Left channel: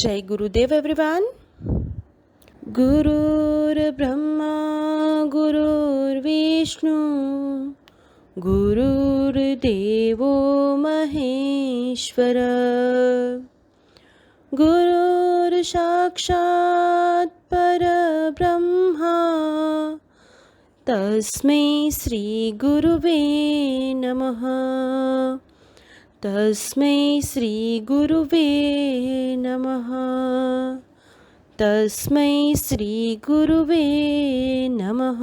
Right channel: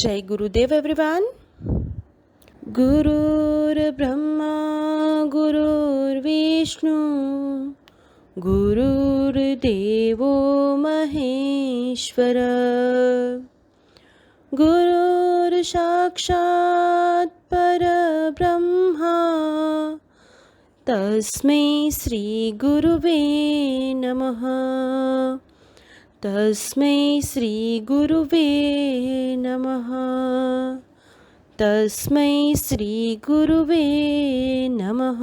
जय गुरुदेव एवरीवन। गुरुर्ब्रह्मा गुरुर्विष्णु गुरुर्देवो महेश्वर गुरुर्साक्षात् परब्रह्मा तस्मै श्री गुरुवे नमः। तस्मै श्री गुरुवे नमः। तस्मै श्री गुरुवे नमः।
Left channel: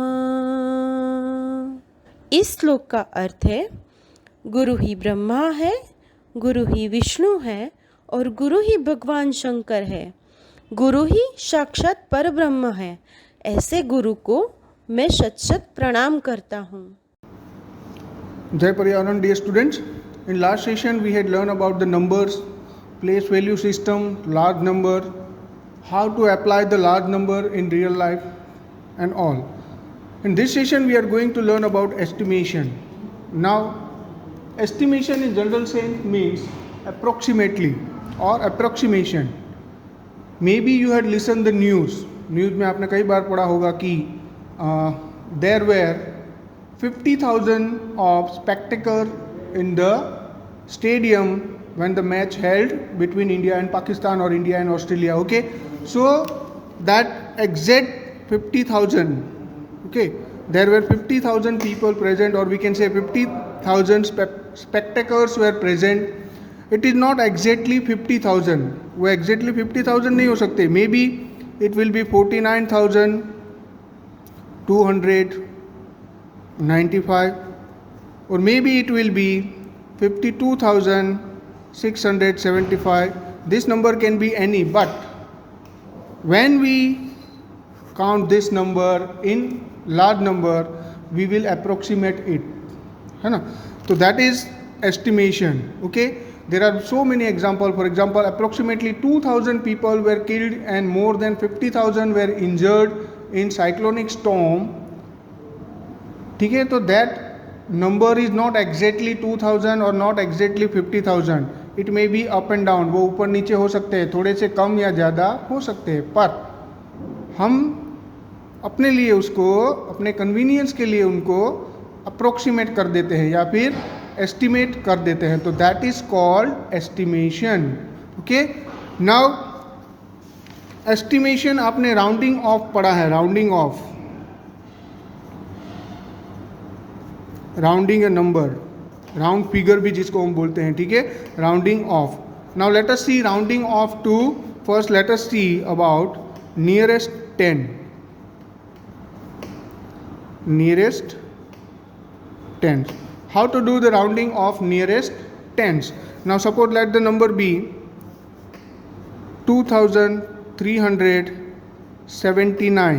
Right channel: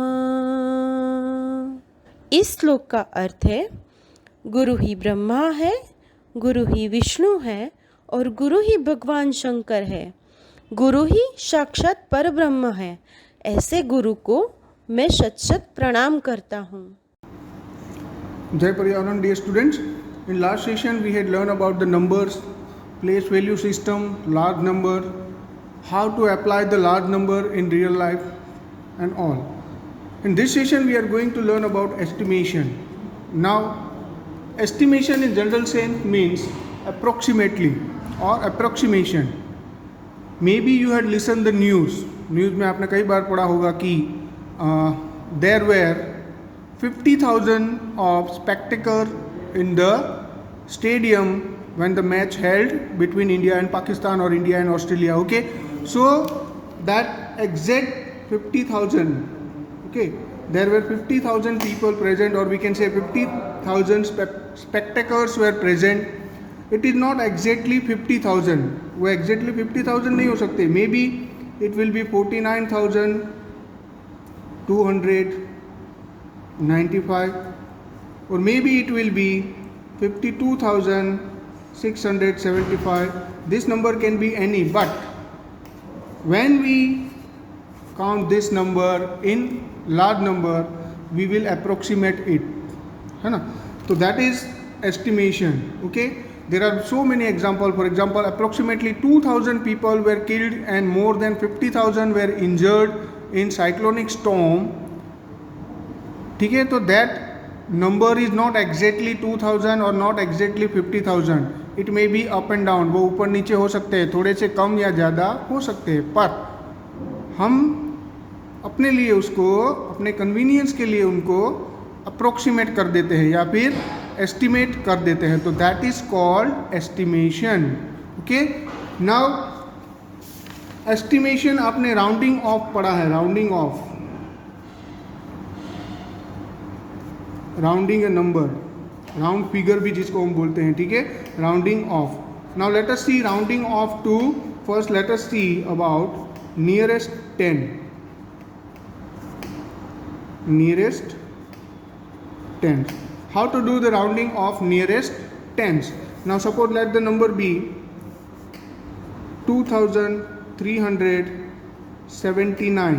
इस श्लोक का अर्थ है, गुरु ही ब्रह्मा है, गुरु ही विष्णु है और गुरु ही भगवान शंकर है। गुरु ही साक्षात परब्रह्म है। ऐसे गुरु को मैं शत शत प्रणाम करता हूँ। Jai Paryavan, dear students. In last session we had learned about the numbers, place value system, large number, how to apply the large number in real life and all. In this session we are going to learn about estimation. Now estimation in general sense means approximately or approximation. Maybe you had listened the news में आपने कई बार पढ़ा होगा कि there were 50,000 of spectators in the stadium when the match held between India and Pakistan or India and Australia. Okay, so that exact 50,000, okay, there were 50,000 people present, or we can say 50,000 spectators were present. It is not exactly 50,000. वो exactly 50,000 नहीं हो सकते. Maybe it will be 49,295, or maybe it will be 52,675. This number can be any, but when we count this number in large number, we will approximate it, है ना? So that is estimation. Okay, there are so many examples. For example, approximately 2,000 people were killed and more than 50,000 were injured in cyclonic storm. ठीक है, तो that number is not exactly 2,000 or not exactly 50,000. It may be up and down. वो ऊपर नीचे हो सकते हैं, थोड़े से कम या ज़्यादा हो सकते हैं, पर हम अपने लिए उसको, अपने कन्वीनियंस के लिए उनको अप्रोक्सीमेट कर देते हैं या फिर एस्टिमेट कर देते हैं. तो that is called estimation. Okay, now estimation आपने राउंडिंग ऑफ पढ़ा है. Rounding off, rounding a number, round figure भी जिसको हम बोलते हैं. ठीक है, rounding off. Now let us see rounding off to. First let us see about nearest 10. nearest tens. How to do the rounding of nearest tens? Now suppose let the number be 2,379.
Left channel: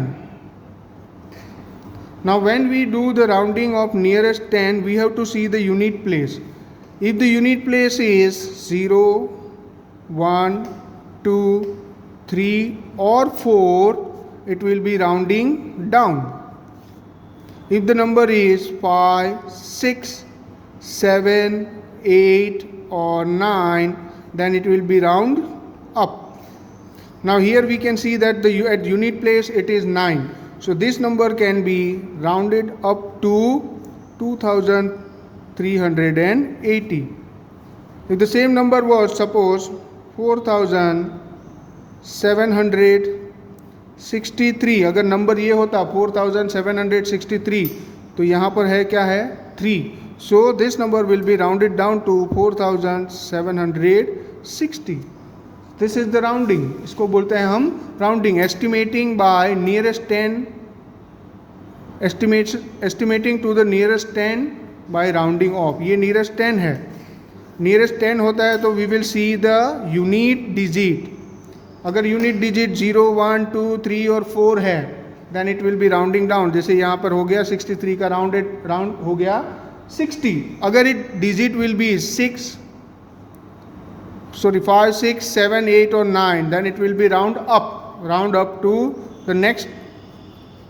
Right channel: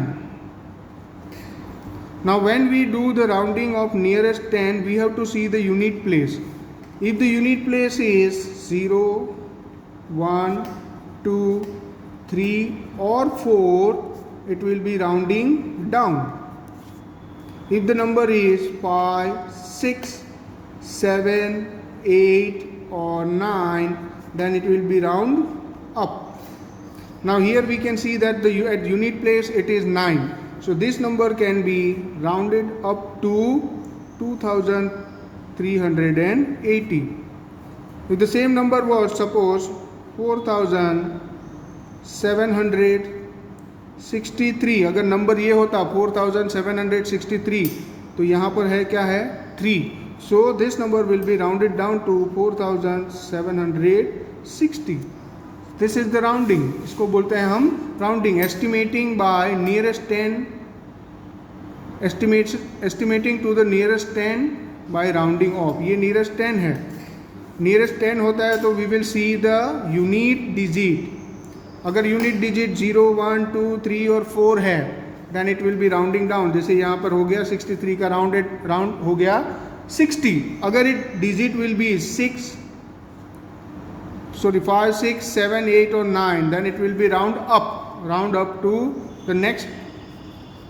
Now when we do the rounding of nearest 10, we have to see the unit place. If the unit place is 0, 1, 2, 3 or 4, it will be rounding down. If the number is 5, 6, 7, 8 or 9, then it will be round up. Now here we can see that at unit place it is 9. So this number can be rounded up to 2,380. If the same number was suppose 4,763, अगर number ये होता 4,763, तो यहाँ पर है क्या है 3. So this number will be rounded down to 4,760. This is the rounding. इसको बोलते हैं हम rounding. Estimating by nearest 10, estimating to the nearest 10 by rounding off. ये nearest 10 है. Nearest 10 होता है तो we will see the unit digit. अगर यूनिट डिजिट 0, 1, 2, 3 और 4 है, then it will be rounding down. जैसे यहाँ पर हो गया 63 का राउंड हो गया 60. अगर इट डिजिट विल बी 5, 6, 7, 8 और 9, then it will be round up to the next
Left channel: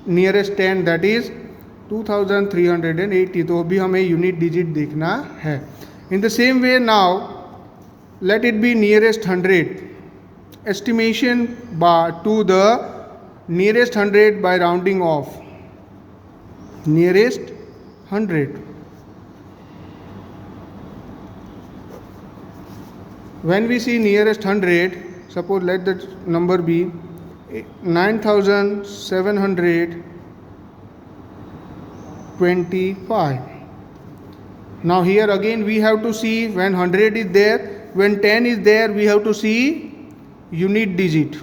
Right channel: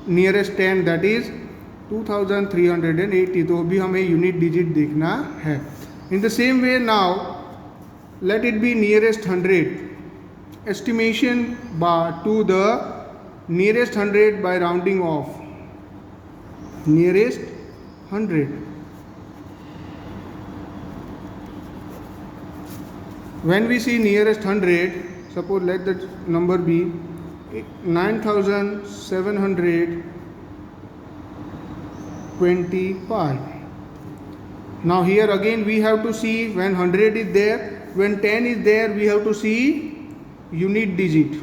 nearest 10, that is 2380. तो अभी हमें यूनिट डिजिट देखना है. In the same way now let it be nearest 100. estimation to the nearest 100 by rounding off. Nearest 100. When we see nearest 100, suppose let the number be 9725. Now here again we have to see when 100 is there, when 10 is there, we have to see unit digit.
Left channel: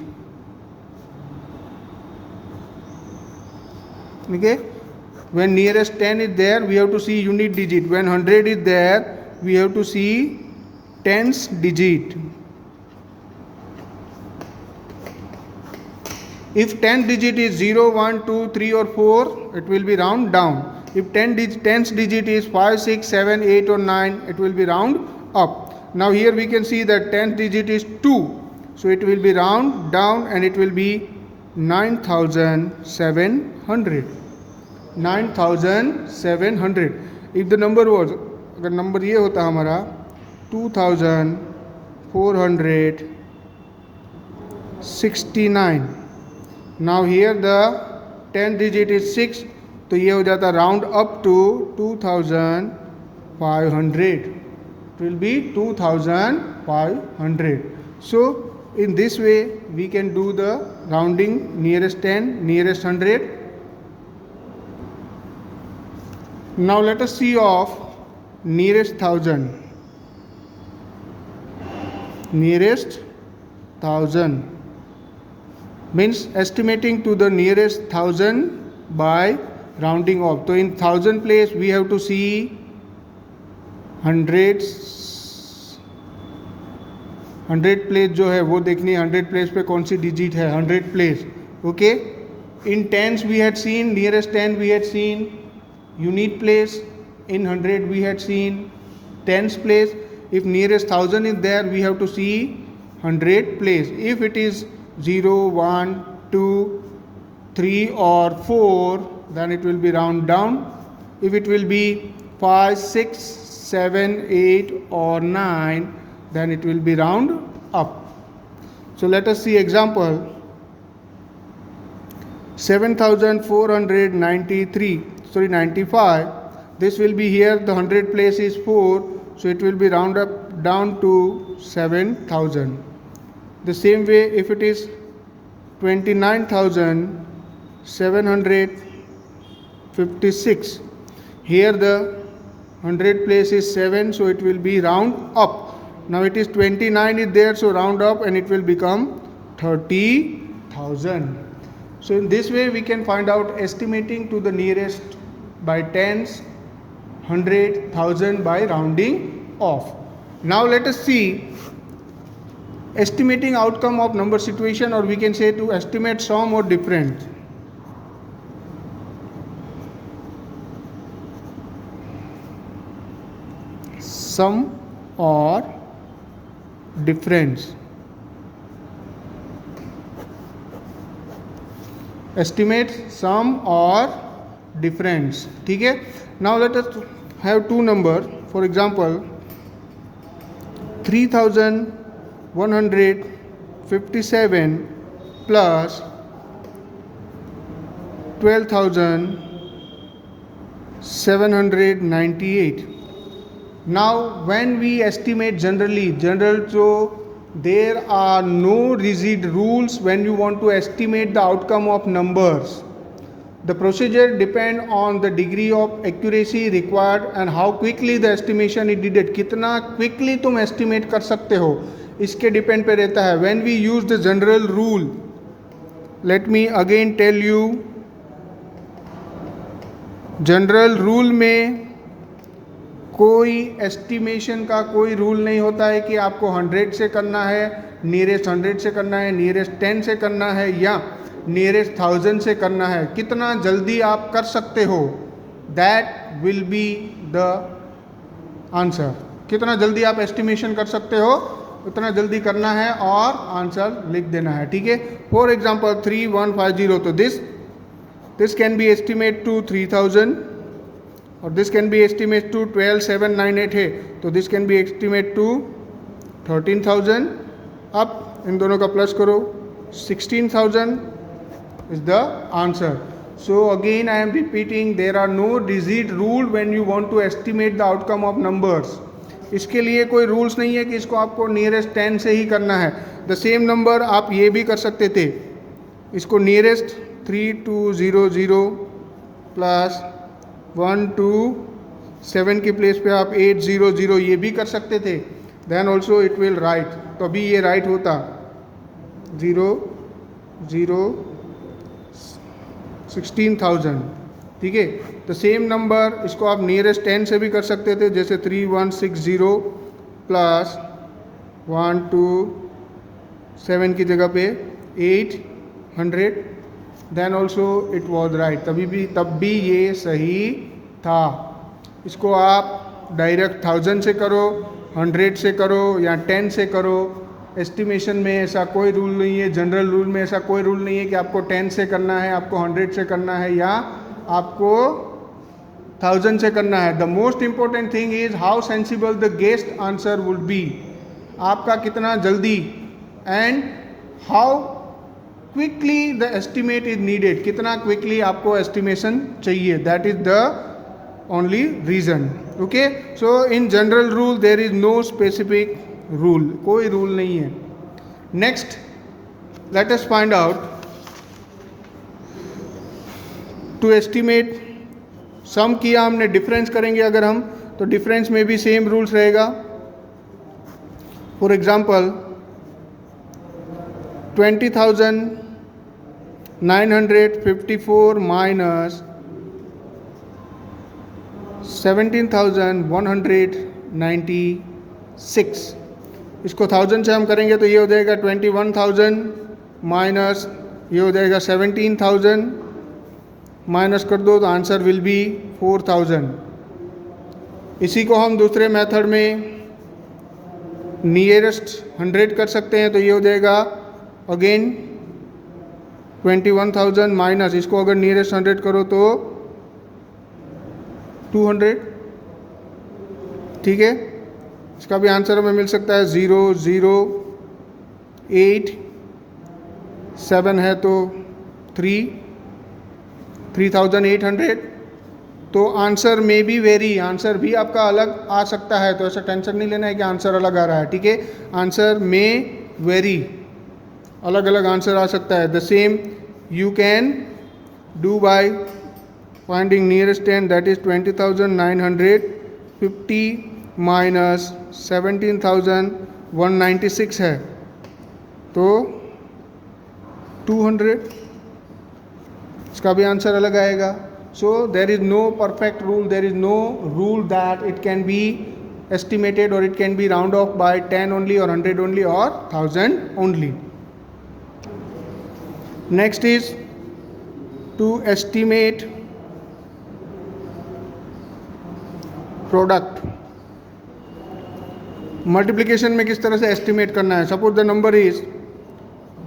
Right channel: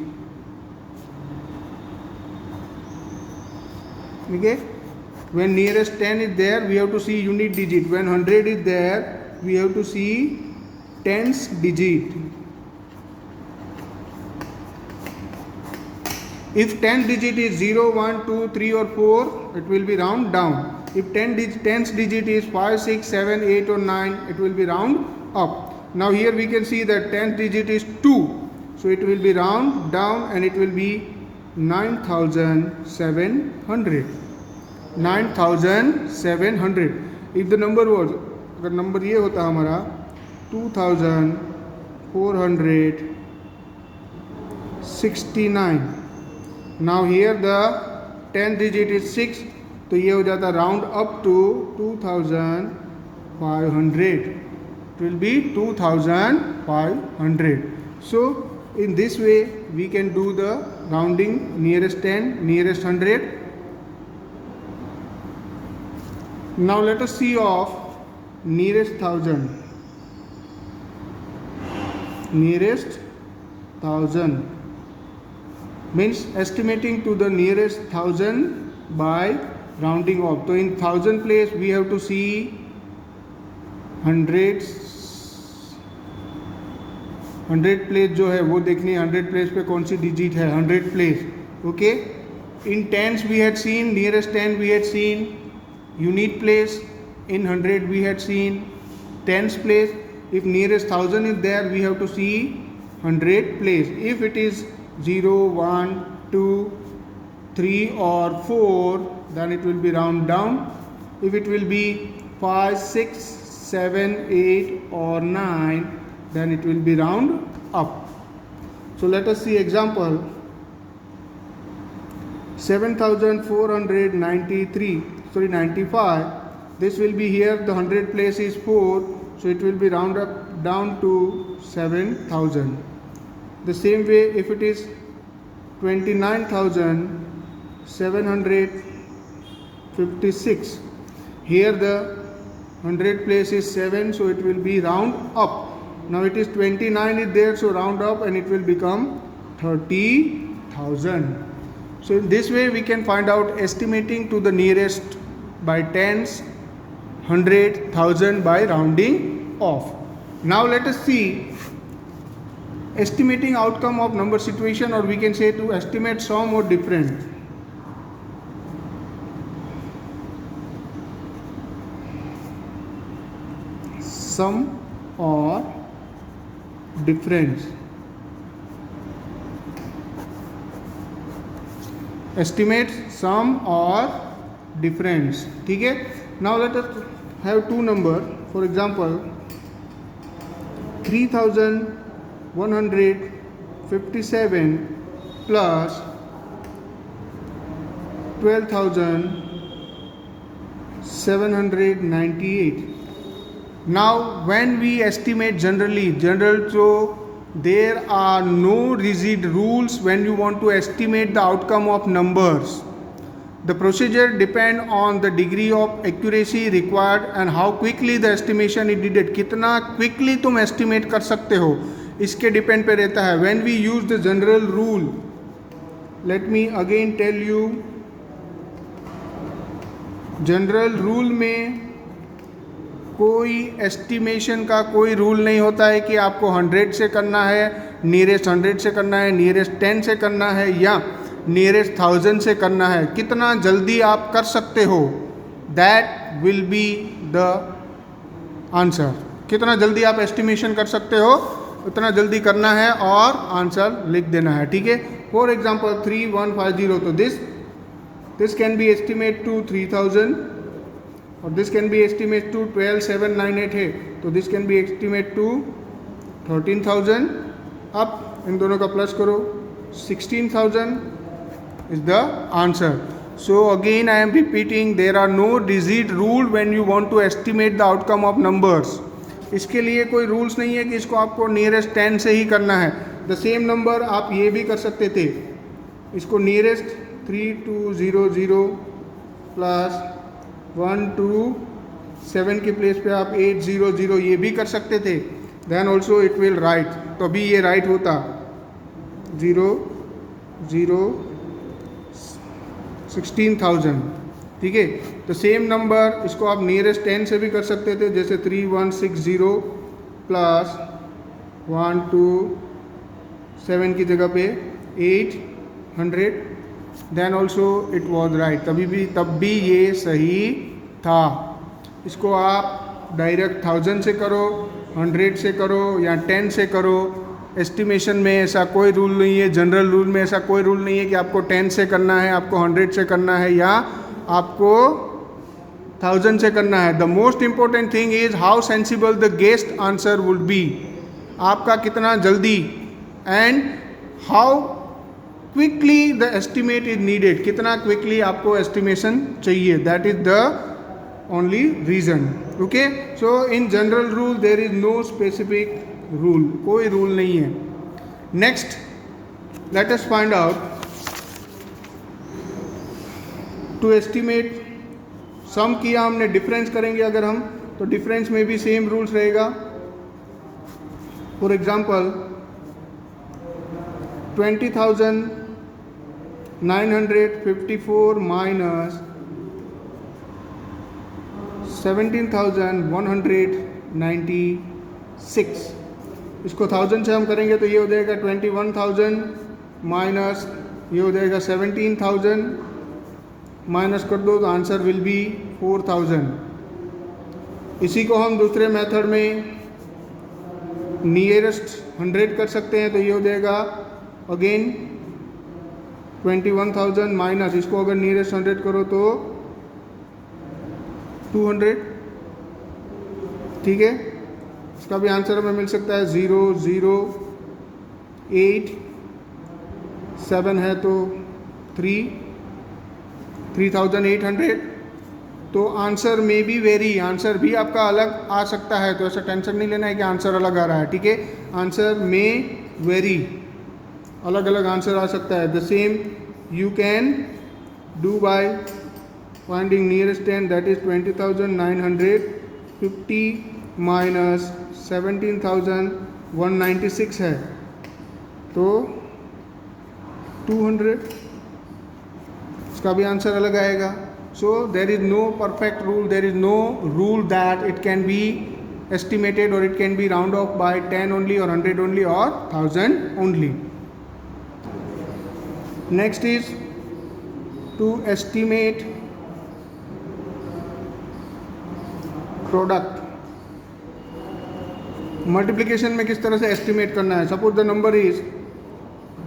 Okay, when nearest 10 is there, we have to see unit digit. When 100 is there, we have to see tens digit. If 10 digit is 0, 1, 2, 3 or 4, it will be round down. If tens digit is 5, 6, 7, 8 or 9, it will be round up. Now here we can see that 10th digit is 2. So it will be round down and it will be 9700. 9700. If the number was, अगर number ये होता हमारा 2469. Now here the 10th digit is 6, तो ये हो जाता round up to 2500. It will be 2500. So in this way we can do the rounding nearest 10, nearest 100. Now let us see of nearest 1000. Nearest 1000 means estimating to the nearest 1000 by rounding off. So in 1000 place we have to see hundreds. 100 place जो है वो देखनी है 100 place पे कौन सी digit है 100 place. Okay, in tens we had seen nearest 10 we had seen unit place. In 100 we had seen tens place. If nearest 1000 is there we have to see 100 place. If it is 0, 1, 2, 3 or 4 then it will be round down. If it will be 5, 6, 7, 8 or 9 then it will be round up. So let us see example. 95. This will be here, the 100 place is 4, so it will be round up down to 7000. The same way if it is 29,756, here the 100 place is 7, so it will be round up. Now it is 29 is there, so round up and it will become 30,000. So in this way we can find out estimating to the nearest by tens, 100, 1000 by rounding off. Now let us see estimating outcome of number situation, or we can say to estimate sum or difference. Sum or difference. Estimate sum or difference. ठीक है. Now let us have two number. For example, 3157 plus 12,798. Now when we estimate general, so there are no rigid rules when you want to estimate the outcome of numbers. The procedure depend on the degree of accuracy required and how quickly the estimation is needed. कितना quickly तुम estimate कर सकते हो इसके depend पे रहता है. When we use the general rule, let me again tell you, general rule में कोई एस्टिमेशन का कोई रूल नहीं होता है कि आपको 100 से करना है, नियरेस्ट 100 से करना है, नियरेस्ट 10 से करना है या नियरेस्ट 1000 से करना है. कितना जल्दी आप कर सकते हो, that will be the answer. कितना जल्दी आप एस्टिमेशन कर सकते हो उतना जल्दी करना है और आंसर लिख देना है. ठीक है. फॉर एग्जाम्पल 3150, तो this can be estimate to 3000 और this can be estimate to 12798 है, तो this can be estimate to 13,000. अब इन दोनों का प्लस करो, 16,000 is the answer. So again I am repeating, there are no rigid rule when you want to estimate the outcome of numbers. इसके लिए कोई rules नहीं है कि इसको आपको नियरेस्ट 10 से ही करना है. द सेम नंबर आप ये भी कर सकते थे, इसको नियरेस्ट 3200 प्लस 127 के प्लेस पे आप 800 ये भी कर सकते थे. Then also it will right, तो अभी ये राइट होता 16,000. ठीक है, तो सेम नंबर इसको आप नियरेस्ट 10 से भी कर सकते थे, जैसे 3160 प्लस 127 की जगह पे 800. Then also it was right, तब भी ये सही था. इसको आप डायरेक्ट 1000 से करो, 100 से करो या 10 से करो. एस्टिमेशन में ऐसा कोई रूल नहीं है, जनरल रूल में ऐसा कोई रूल नहीं है कि आपको 10 से करना है, आपको 100 से करना है या आपको 1000 से करना है. The most important thing is how sensible the guessed answer would be. आपका कितना जल्दी and how quickly the estimate is needed, कितना क्विकली आपको एस्टिमेशन चाहिए. That is the only reason. Okay, so in general rule there is no specific rule, कोई rule नहीं है. Next let us find out to estimate. Some किया हमने, difference करेंगे अगर हम, तो डिफरेंस में भी सेम रूल्स रहेगा. For example 20,954 minus 17,196. इसको 1000 से हम करेंगे तो ये हो जाएगा 21,000 माइनस ये हो जाएगा 17,000, माइनस कर दो तो आंसर विल बी 4,000. इसी को हम दूसरे मेथड में नियरेस्ट 100 कर सकते हैं, तो ये हो जाएगा अगेन 21,000 माइनस इसको अगर नियरेस्ट 100 करो तो 200. ठीक है, इसका भी आंसर हमें मिल सकता है 0,0,8. 7 है तो 3,800. तो आंसर में भी वेरी, आंसर भी आपका अलग आ सकता है, तो ऐसा टेंशन नहीं लेना है कि आंसर अलग आ रहा है. ठीक है, आंसर में वेरी, अलग अलग आंसर आ सकता है. The same you can do by finding nearest 10, that is 20,950 minus 17,196 है तो 200. इसका भी आंसर अलग आएगा. So there is no perfect rule, there is no rule that it can be estimated or it can be round off by 10 only or 100 only or 1000 only. Next is to estimate product. Multiplication में किस तरह से estimate करना है. Suppose the number is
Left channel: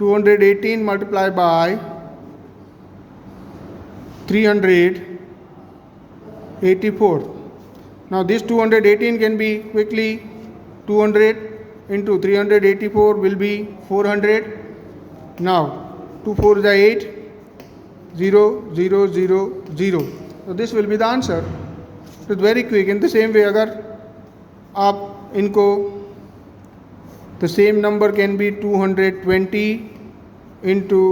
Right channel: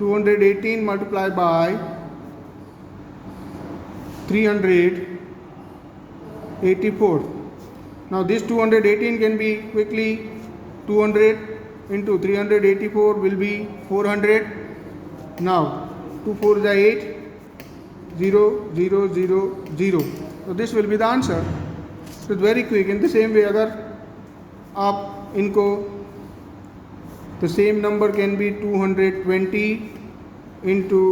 218 multiply by 384. Now this 218 can be quickly 200 into 384 will be 400. Now 2 4 is 8, 0 0 0 0. So this will be the answer. So it's very quick. In the same way अगर आप इनको the same number can be 220 into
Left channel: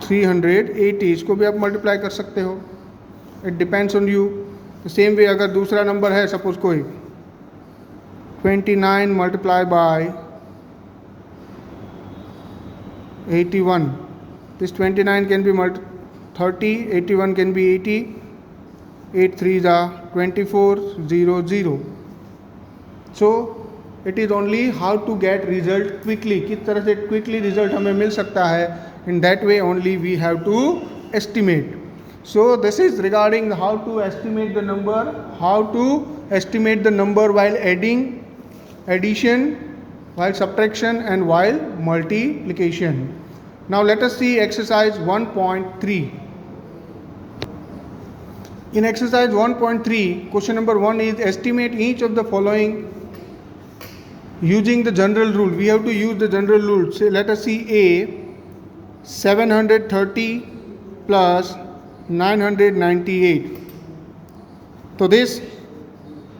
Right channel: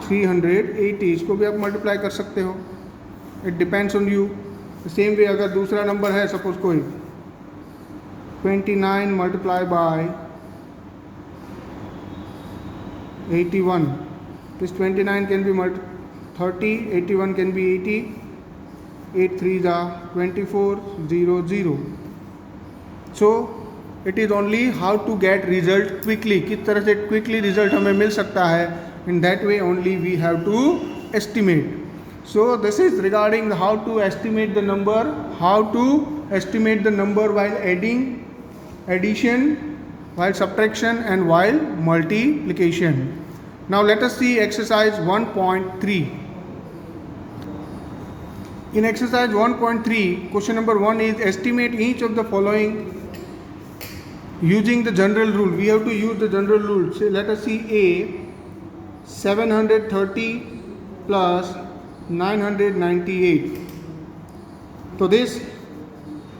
380, इसको भी आप multiply कर सकते हो. It depends on you. Same way अगर दूसरा नंबर है, सपोज कोई 29 multiply by 81, this 29 can be 30, 81 can be 80, 8 3s are 24, 0 0. So it is only how to get result quickly, किस तरह से quickly result हमें मिल सकता है. In that way only we have to estimate. So this is regarding how to estimate the number, how to estimate the number while adding, addition, while subtraction and while multiplication. Now let us see exercise 1.3. In exercise 1.3, question number 1 is estimate each of the following using the general rule. We have to use the general rule. Say, let us see A, 730 plus 998. So this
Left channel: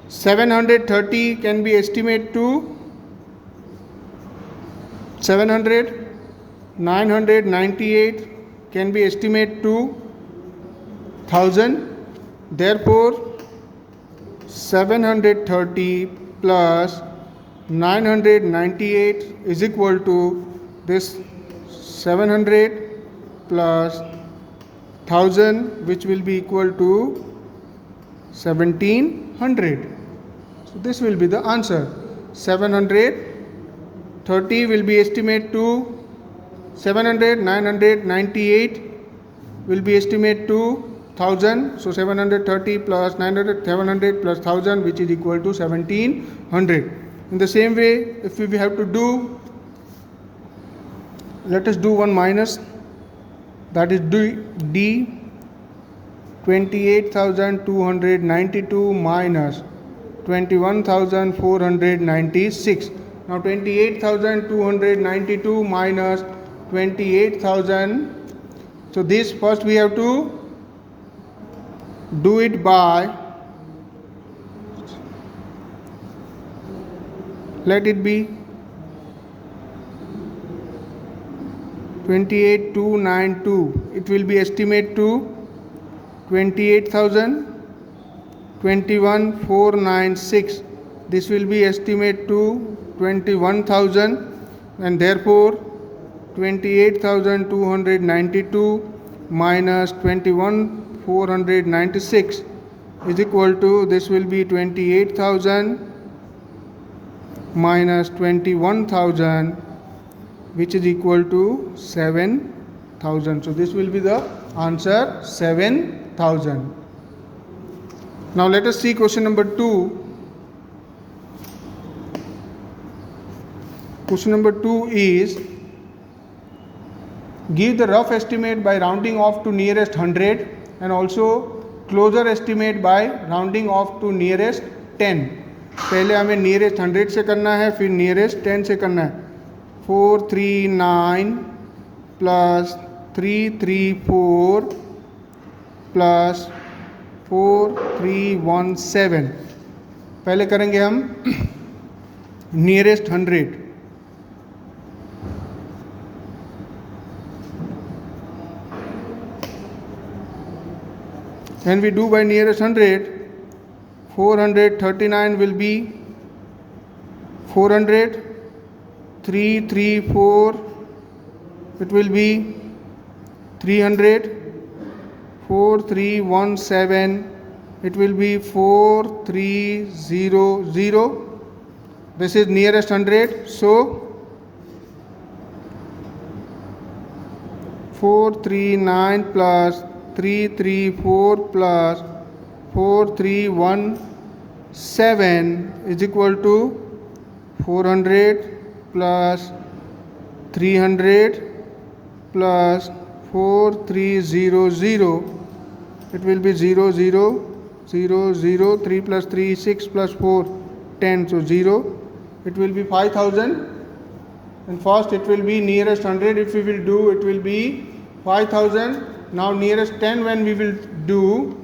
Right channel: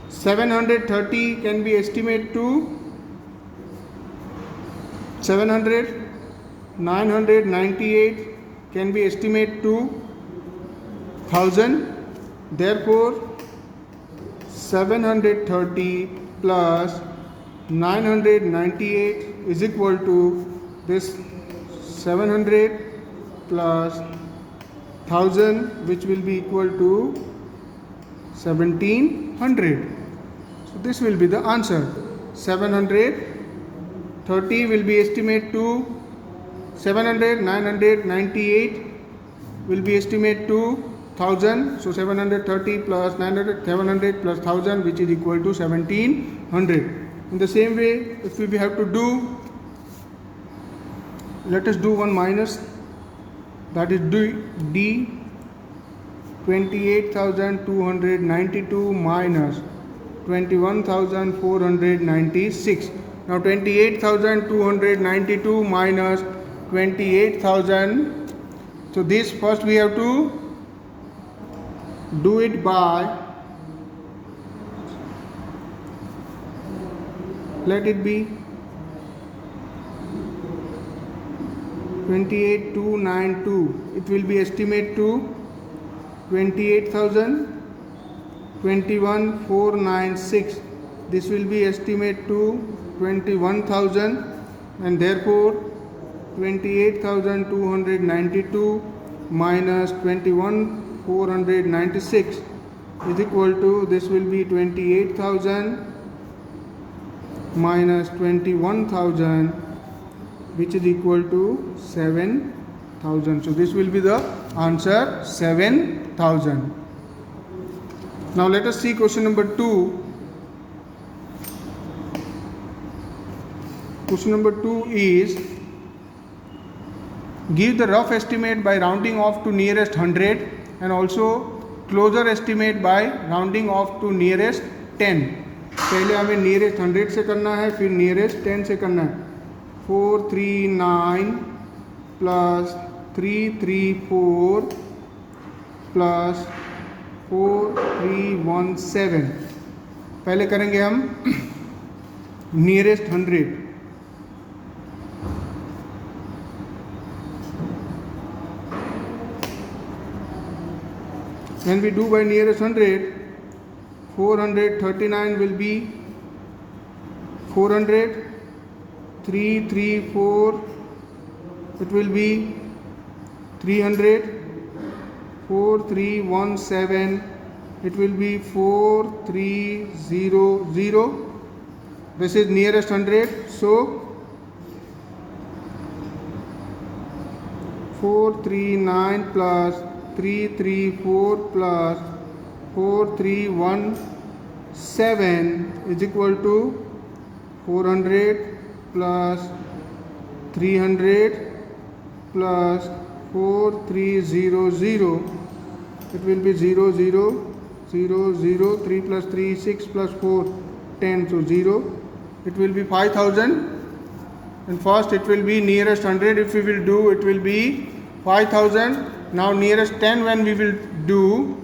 730 can be estimated to 700, 998 can be estimated to 1000. Therefore 730 plus 998 is equal to this 700 plus 1000, which will be equal to 1700. So this will be the answer. 730 will be estimated to 700, 998 will be estimated to 1000. So 730 plus 900, 700 plus 1000, which is equal to 1700. In the same way, if we have to do, let us do one minus, that is D 28,292 minus 21,496. Now 28,292 minus 28,000. So this first we have to do it by, let it be 28,292. It will be estimated to 28,000, 21,496. This will be estimated to 21,000, and therefore 28,292 minus 21,496 is equal to, this will be 28,000 minus 21,000, which is equal to 7,000. So this will be the answer, 7,000. Now let us see question number 2. Question number 2 is, give the rough estimate by rounding off to nearest 100 and also closer estimate by rounding off to nearest 10. पहले हमें nearest 100 से करना है, फिर nearest 10 से करना है. 439 plus 334 plus 4317. पहले करेंगे हम nearest 100. When we do by nearest 100, 439 will be 400, 334, it will be 300, 4317, it will be 4300. This is nearest 100. So 439 plus 334 plus 4317 is equal to 400 plus 300 plus 4300. It will be 0 0 0 0, 3 plus 3 6 plus 4 10, so 0. It will be 5,000, and first it will be nearest 100. If we will do, it will be 5,000. Now nearest 10 when we will do,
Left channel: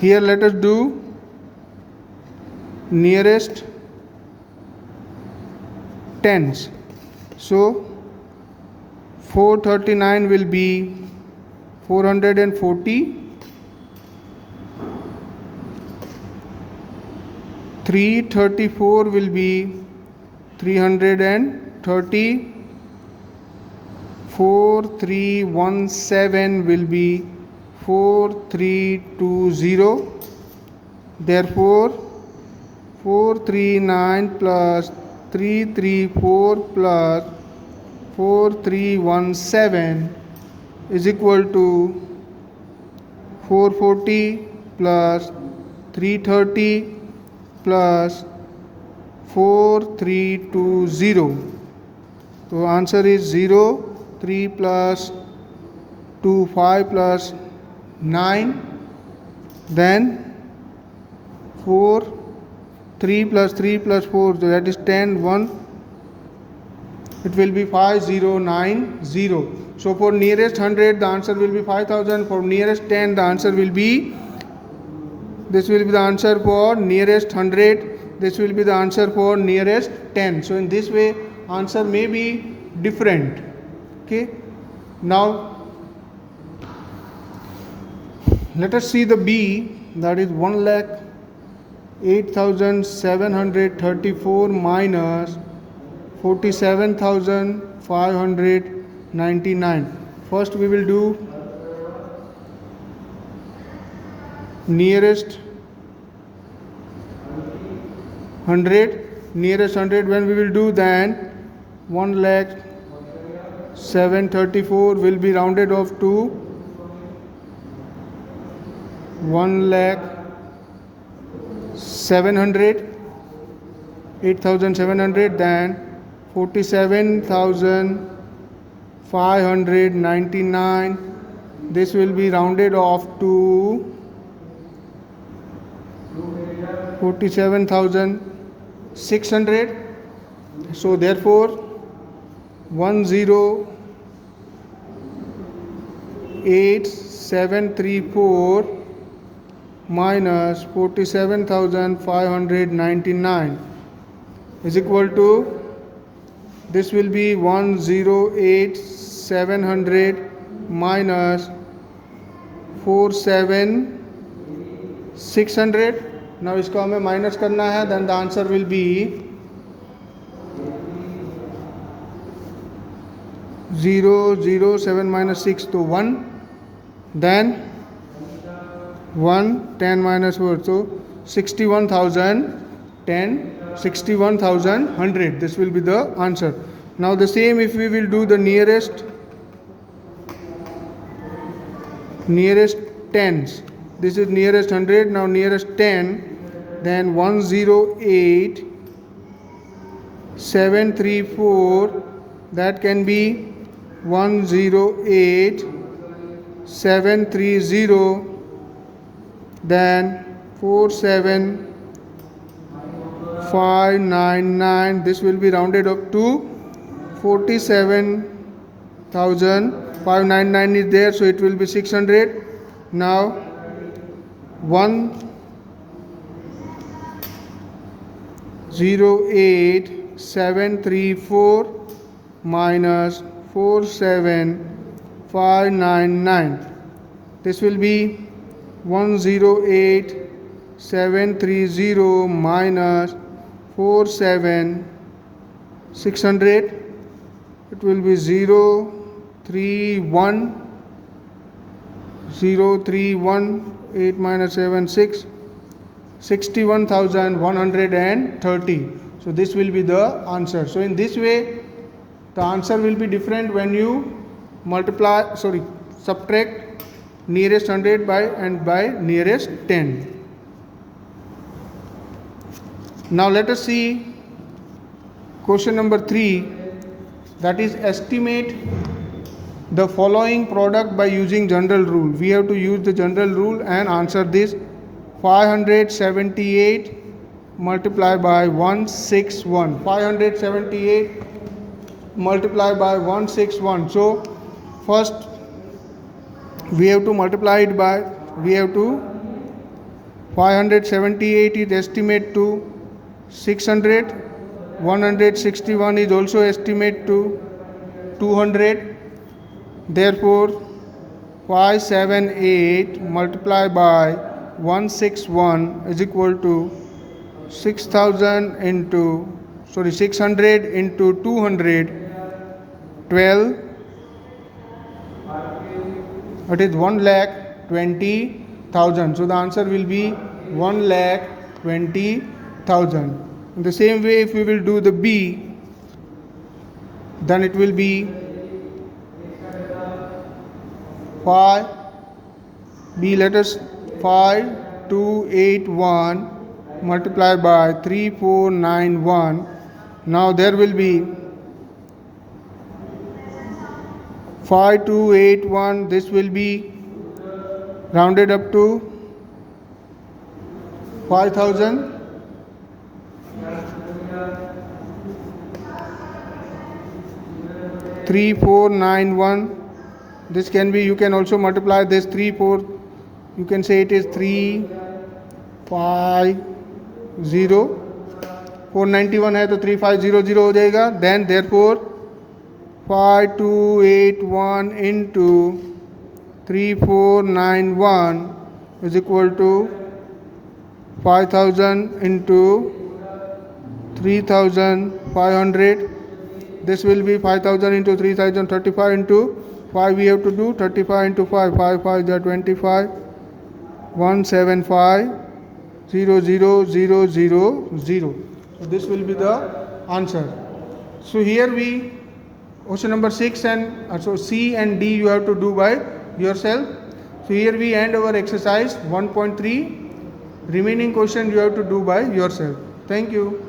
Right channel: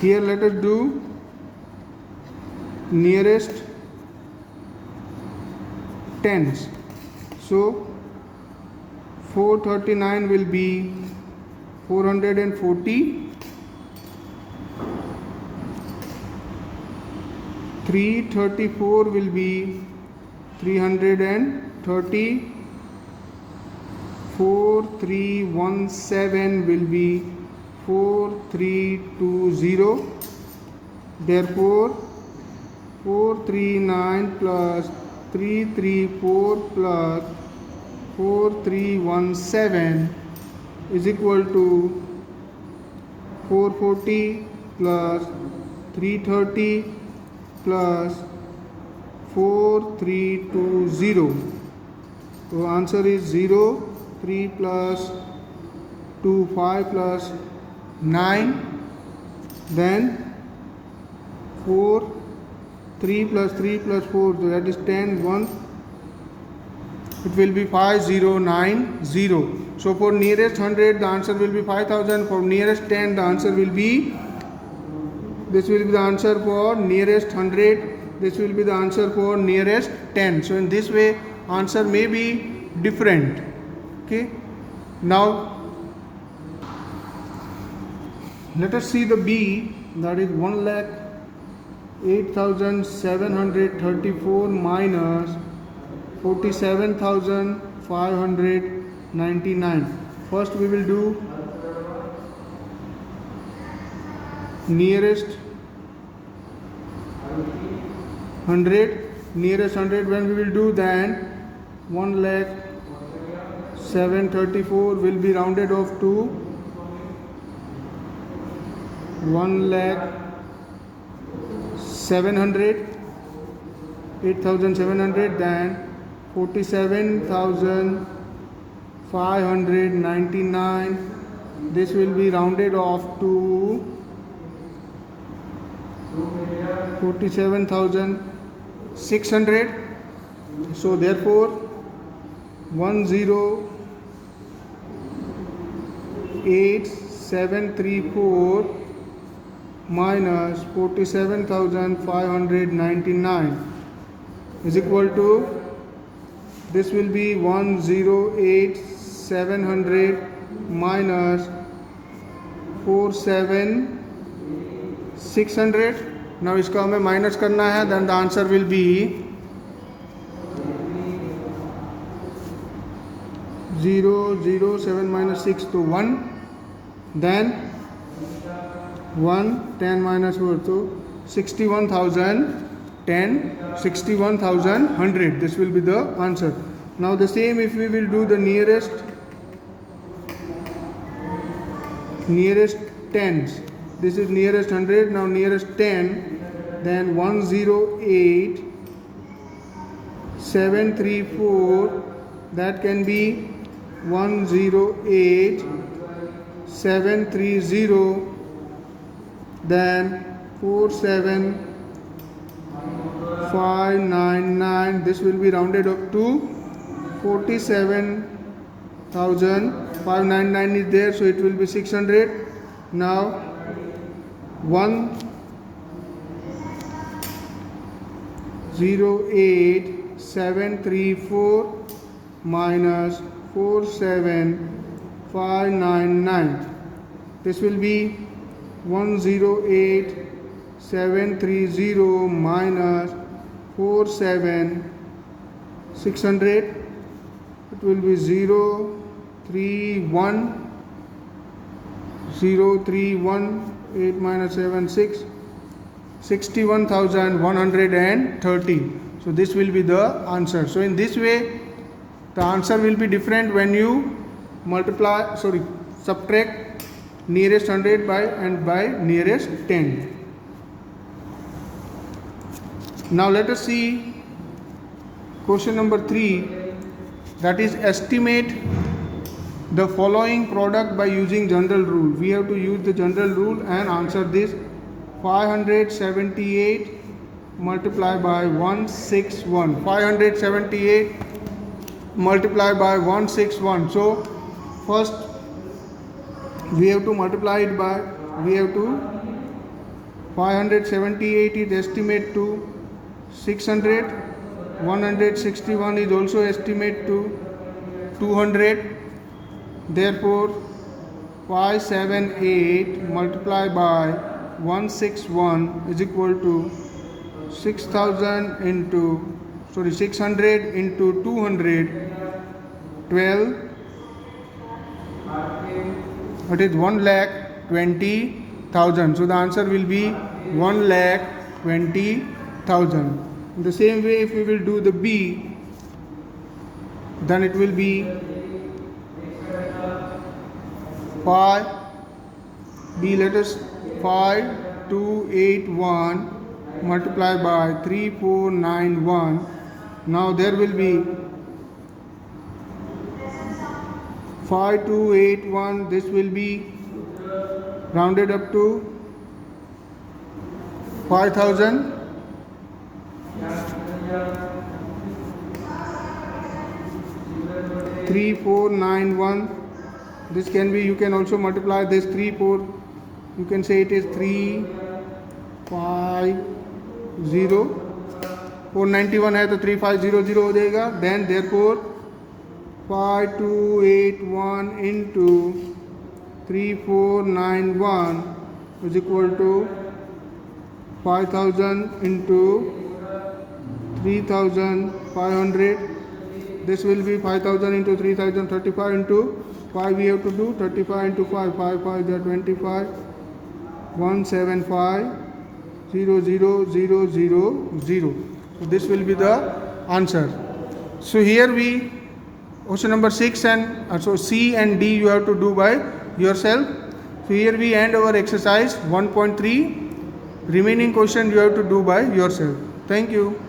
here let us do nearest tens. So 439 will be 440, 334 will be 330, 4317 will be 4320. Therefore 439 plus 334 plus 4317 is equal to 440 plus 330 plus 4320. So answer is 0, 3 plus 2, 5 plus 9, then 4, 3 plus 3 plus 4, so that is 10, 1. It will be 5090. So for nearest 100, the answer will be 5000. For nearest 10, the answer will be, this will be the answer for nearest 100. This will be the answer for nearest 10. So in this way, answer may be different. Okay. Now, let us see the B, that is 1,08,734 minus 47,599. First we will do nearest 100. Nearest 100, when we will do, then 1,07,34 will be rounded off to 1,07,000, 8,700, then 47,599. This will be rounded off to 47,600. So therefore 108,734 minus 47,599 is equal to, this will be 108,700 minus 47,600. Now इसको हमें minus करना है, then the answer will be 007 minus 6 to 1, then 1, 10 minus 4, so 61,010, 61,100. This will be the answer. Now the same if we will do the nearest tens. This is nearest 100. Now nearest 10, then 108,734, that can be 108,730, then 47,599. This will be rounded up to 47,599 is there, so it will be 600. Now 108,734 minus 47,599. This will be 108,730 minus 47,600. It will be 031. 8 minus 7, 6. 61,130. So this will be the answer. So in this way, the answer will be different when you subtract nearest 100 by nearest 10. Now let us see question number 3, that is estimate the following product by using general rule. We have to use the general rule and answer this. 578 multiplied by 161. 578 multiplied by 161. So first we have to multiply it by, 578 is estimate to 600. 161 is also estimate to 200. Therefore 578 multiplied by 161 is equal to 600 into 200, 12. It is 1,20,000. So the answer will be 1,20,000. In the same way, if we will do the B, then it will be 5 B, let us 5281 multiplied by 3491. Now there will be 5281. This will be rounded up to 5000. 3491. This can be, you can also multiply this 3 4, you can say it is 3 5 0. 491 है तो 3500 हो जाएगा. Then therefore 5281 into 3491 is equal to 5000 into 3500. This will be 5000 into 3000, 35 into 5 we have to do. 35 into 5, 5 5 is 25. 175 0 0 0 0 0. So this will be the answer. So here we, question number 6 and so C and D you have to do by yourself. So here we end our exercise 1.3. Remaining question you have to do by yourself. Thank you.